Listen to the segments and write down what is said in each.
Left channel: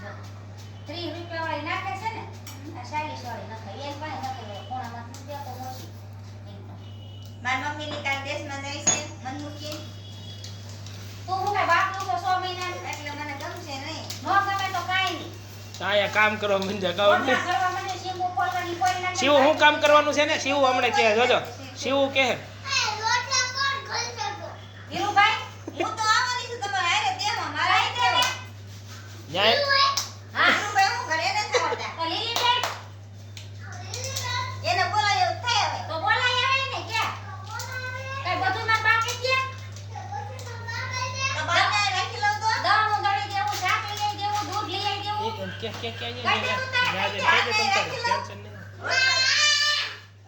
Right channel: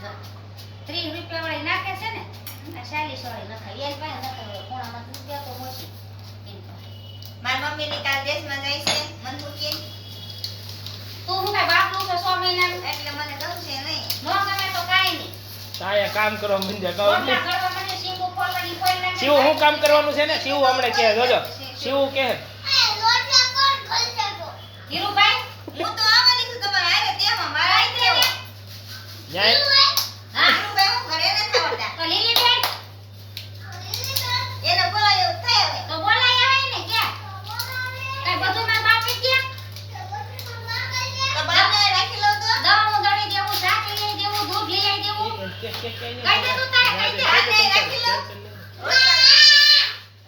30 રૂપિયા વાળી નાખે છે ને આ 40 વાળી નખાય એની પાસે નખાય કોણામાં રૂપિયા તો મોટી એની પાસે મારી મમ્મી ની કાલ દેશમાં જાય છે મન મૂકી તું હું કઈ બાપનું છે 6 મહિનાનું એટલે મને ગમશે નહીં નો ગમે તો કાઈ નહીં તાયા કામ કરવા મંડ્યા કહું રોટલા કરવા મને શીંગો ફોડવાની કોઈ લાગે શિવ હું કામ કરવાનું છે ને શિવ હમણે કહે જોજો શિવ કહે ધીરુભાઈ હું તો આવવાની છું તમારે હારે તેમાં મારા હાથે આવો. ન્યાય હા ધીરુભાઈ હું ઘરે નથી આવતા તો લીલીબેન એને બોલાયો થાય હવે તો બોલાય આવે ને કે કઈ બધું માં બાકી ગયા તો બાને રાખી લઉં તો દવાનું દળી દેવું શાક લઈ આવી દેવું દૂધ લઈ આવી દેવું કે કઈ દે તું તારે કઈ દે બાને રાખી લઉં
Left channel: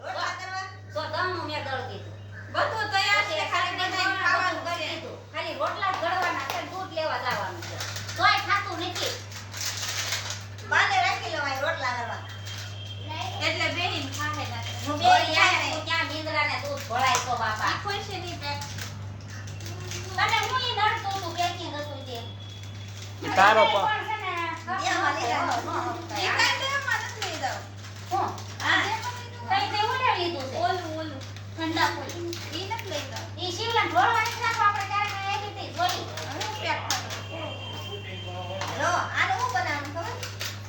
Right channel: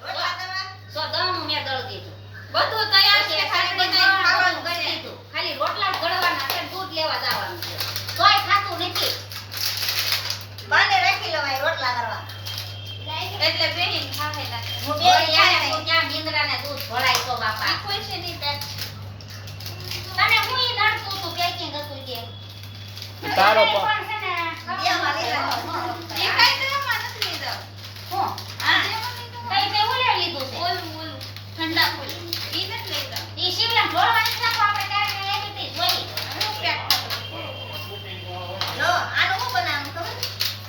રોટલા કરવા સો દવાનું મેં દળ દીધું બધું તૈયાર છે ખાલી બનાવીને ખાવાનું કરે ખાલી રોટલા જ ગળવાના છે દૂધ લેવા જવાનું છે તોય ખાતું નથી બાને રાખી લઉં અહીં રોટલા કરવા એટલે બેહીન ખાહે લાગે હું બે ઓય યાર ખાઈ તું ત્યાં નીંદરાને દૂધ ભળાય તો બાપા ખુશ છે ની પેટ તને હું ઈ નડતું તું પેકિંગ હતું તે તારો પણ પા છે ને દેવા લીધા. એ કાઈ તો માનસ લઈ જાવ હું હા કઈ બે ઉલે લીધું છે ઓલ ઠંડા ફૂલ ઈ નથી લઈ જાવ ઈ શિવલામ ઢોળવાની છે તો આપણે ક્યારે એવી રીતે જોઈ હું પેક જો આનું હું બનાવવાનું ખબર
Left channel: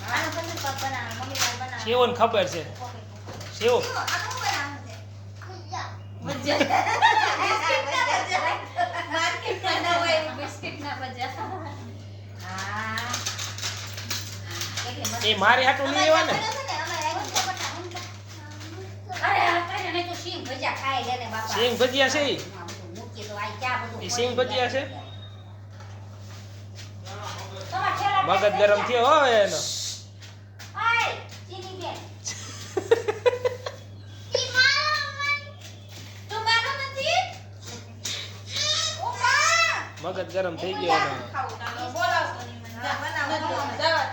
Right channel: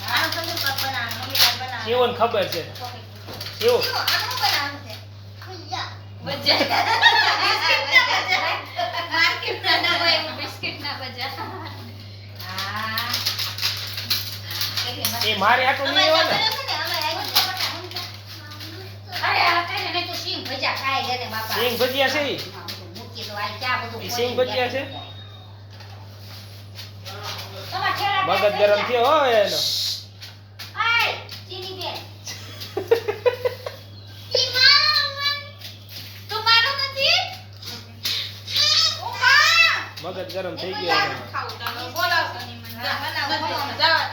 આનું પનીર પક બનાવવાનું મમ્મી કાલ બનાવવાનું શિવને ખબર છે શિવ જો આનું હું બનાવવાનું છે માર્કેટ ના ના હોય બિસ્કિટ ના બજા હા એટલે એ મારી હાટું નહીં એવા ને અરે આ કઈ નહીં તો સિંગ ભજીયા ખાય ગને બાપા સિંગ ભજીયા છે ઈ? મૂકી તો આ ચા બધું ઈ સિંગ ભજીયા છે? તમાર ઠેલા મગજ ગરમ થયો હો એનો આય ચીની બેન તું મારું નથી મગજ ગરમ થઈ ગયો એનો ખાવું તાનો બોલાવતો ની મને બનાવું જવા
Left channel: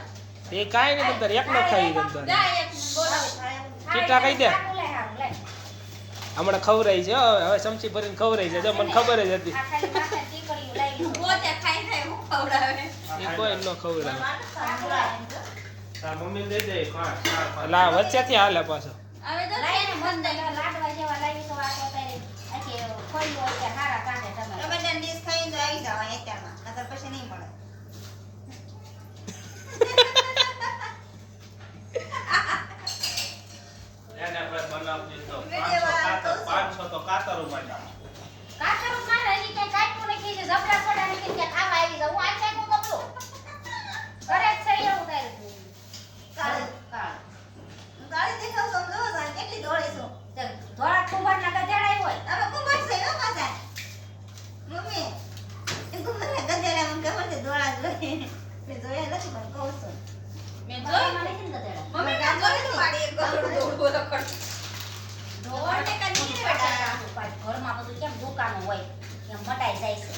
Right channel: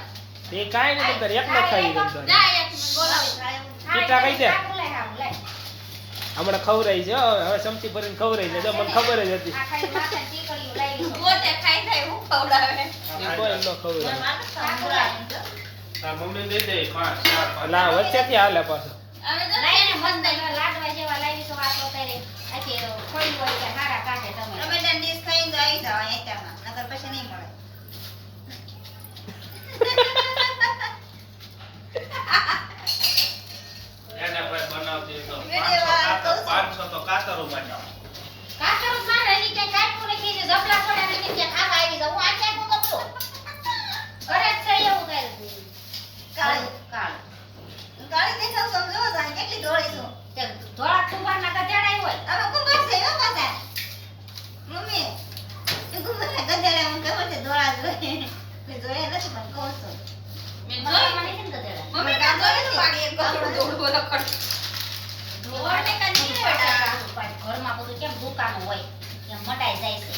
એ કાઈ નહીં તમતાર એકલો ખાઈ તમતાર જા એક મને બોલાવ ચીટા કહી દે. લાય હારું લાય હમણાં ખવરાઈ છે હો, હવે ચમચી ભરીને ખવરાઈ છે જો મને ખબર જ હતી આ ખાલી માથે ચીકડીયું લઈ લીધું પોતે ખાઈ ખાઈ હું ખવડાવે એ કોઈ ન ખવરાય મમ્મી દઈ દે 5 4 લા વચ્ચેથી હાલે પાછો હવે તો લઈને મસ્ત લાડવા જેવા લાવી છો આ તો તારે આખી ખોઈ હોય કે હારા કાઢે તમે ટમેટા ડીશ ખાઈને તો આવી જાવ અહીંયામાં નકર પછી નહીં મળે એને ભાઈ બનાવતી તો વિડિયો 500 તો કાતરો માં કાચરું મારે હજી કઈ કાઢવું નથી જે જબલા પડે ને કે ખાવા આવી જાવ હું આ ક્યાં ગોતો ઘરે જ છે એવું થાય કાળી કાળ ગાડી દેખાવ સમજો જાણે કેટલી દોડી છું તે ધોળા ખુબારના ગધેડા હોય અમે કુંભાર છે હો પાછા મમ્મી એ કુંભારના ગધેડા મને ખબર છે દોડા જોઈએ મેં જોયા નથી પણ કહું છું મેં જોઈ જોઈ મને નથી ગધેડા મમ્મી ના જોઈ તો પાડી એક ગોળો દોડવો રખડ ધોવાને કા નહીં ઘરમાં બધું કેમ દુકાનો હોય એમ મટાઈ જાય છે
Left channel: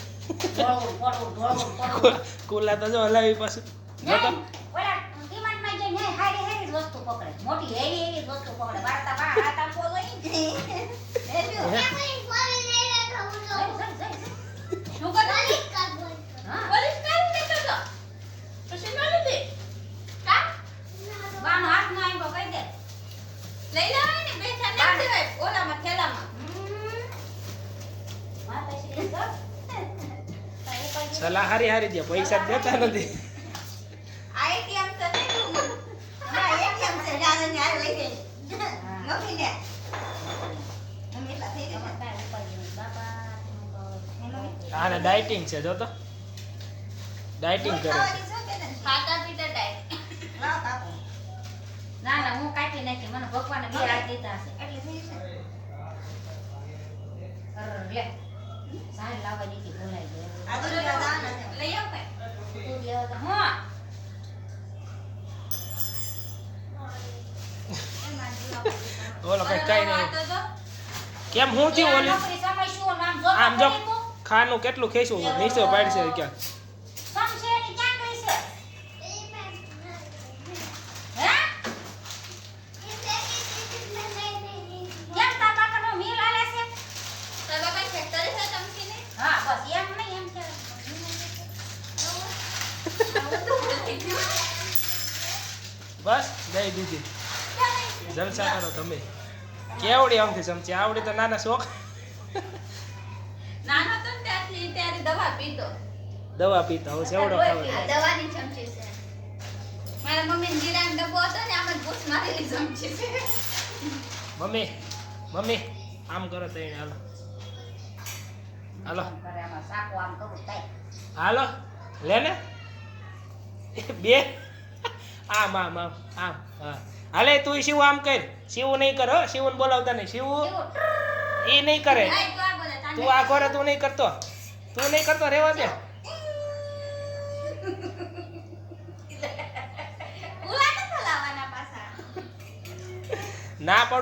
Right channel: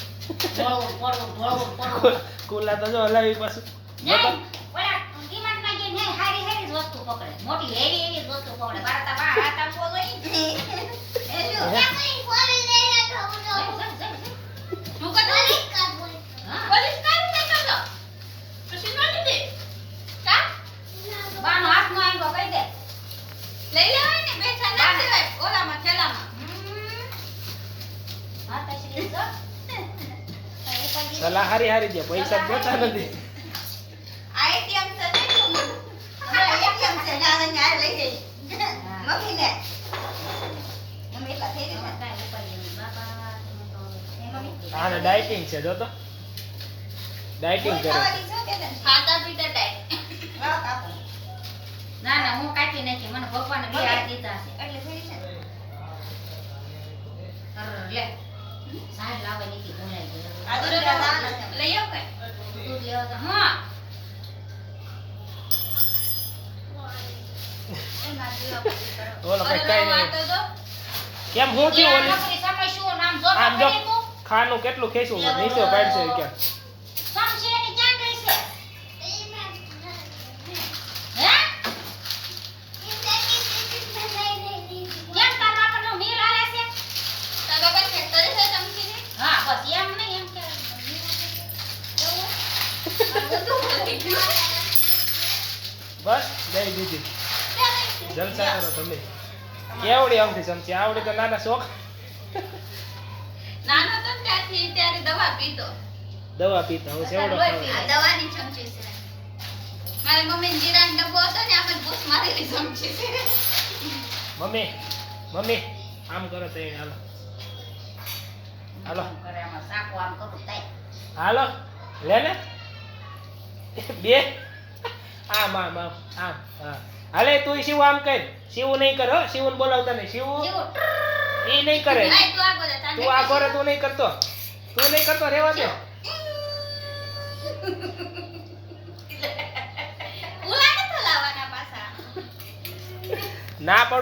ઢોળવું પડવું ઢોળવું પડવું કુલા તો જો હલાવી પાછું નહીં, ઓલા ડીમાર્ટમાં જઈને નહીં, હારી હારી જ વસ્તુ પકડે મોટી હેવી હેવી જ વસ્તુ પકડે મારા તા હાથ આમ કોઈ એ શું જઈ, શું કરતો હા પોલીસ કાઢી દેતો તો પછી નો લીધી કા બાનો હાથ નો આવ્યો કહી દે લઈ લેવાય ને પૈસા ના દેવાય ઓલામાં થેલામાં માતાશ્રી તો સલાહ હારી હારી દે પૈસા જ દેતા નથી આઈટીએમ તો નહીં તું હમણાં એટીએમ છે જાણે આ લઈ જઈ મમ્મી ને મમ્મી એટલા થઈ ગયા એ મમ્મી આને ડાયટિંગ છે જો તો ડાયટિંગ કરે ખાવાની છે કે નથી ખાતા પીતા ટાઈમ વાહ કાપો ના ના હું કાઢી નાખી મને ભગવાને બે હાથ દીધા છે એટલે થઈ છે અર, લે સાહેબ લાવે નીકળી ભૂલાઈ ગયો આ દૂધ લેવા જવાના છે લઈ આવ કઈ દૂધ લેવા તો હા એમાં જીવા ઓલો કઈ કઈ નહીં તો જો કેમ હું થયું ઓલી નોકરી સમય શું નામ જો આમ જો ખાનું કેટલું ખેંચવું નીચે પાડશે ક્યાં સમશે એની ક્યાં ગઈ છે હે કેમ તાર બાપાનો મિલ આલે છે તારા બાપા ખેતર છે ચમચીની હા બસ એમ નહીં એમ કે આવું તો ભૂલાઈ ગયું બસ દઈ દીધી જલસા કરો તમે કેવડી આમથી ચમચી આવડી તો નાના શોખ નાનો તો ને ત્યારથી ત્યારે દવા પીતો. દવા પીતા હવે સેવડો લોહી ખાવ પીવે. આ દવાની ચમચી છે. મારી મમ્મી જીરાનો ડબ્બો હતો ને આમાં જ ભૂસ મારેલી ચમચી છે. મમ્મી મમ્મી આમ કરો તો એને હાલો હાલો આમ કરે આમાં સાકુ આમ કરું તાય. હાલો લે ને બે આમ આમ આમ આમ હા હાલે તું શિવ આમ કર શિવ નહીં કર હો શિવને બોલાવતા નહીં શિવ જેવું એ નહીં કરે આય તું આગો જા, તાને તું આ કરે તું નહીં કરતો રહેવા દે ઉલા નથી લાવવાના પાછા. ના પડો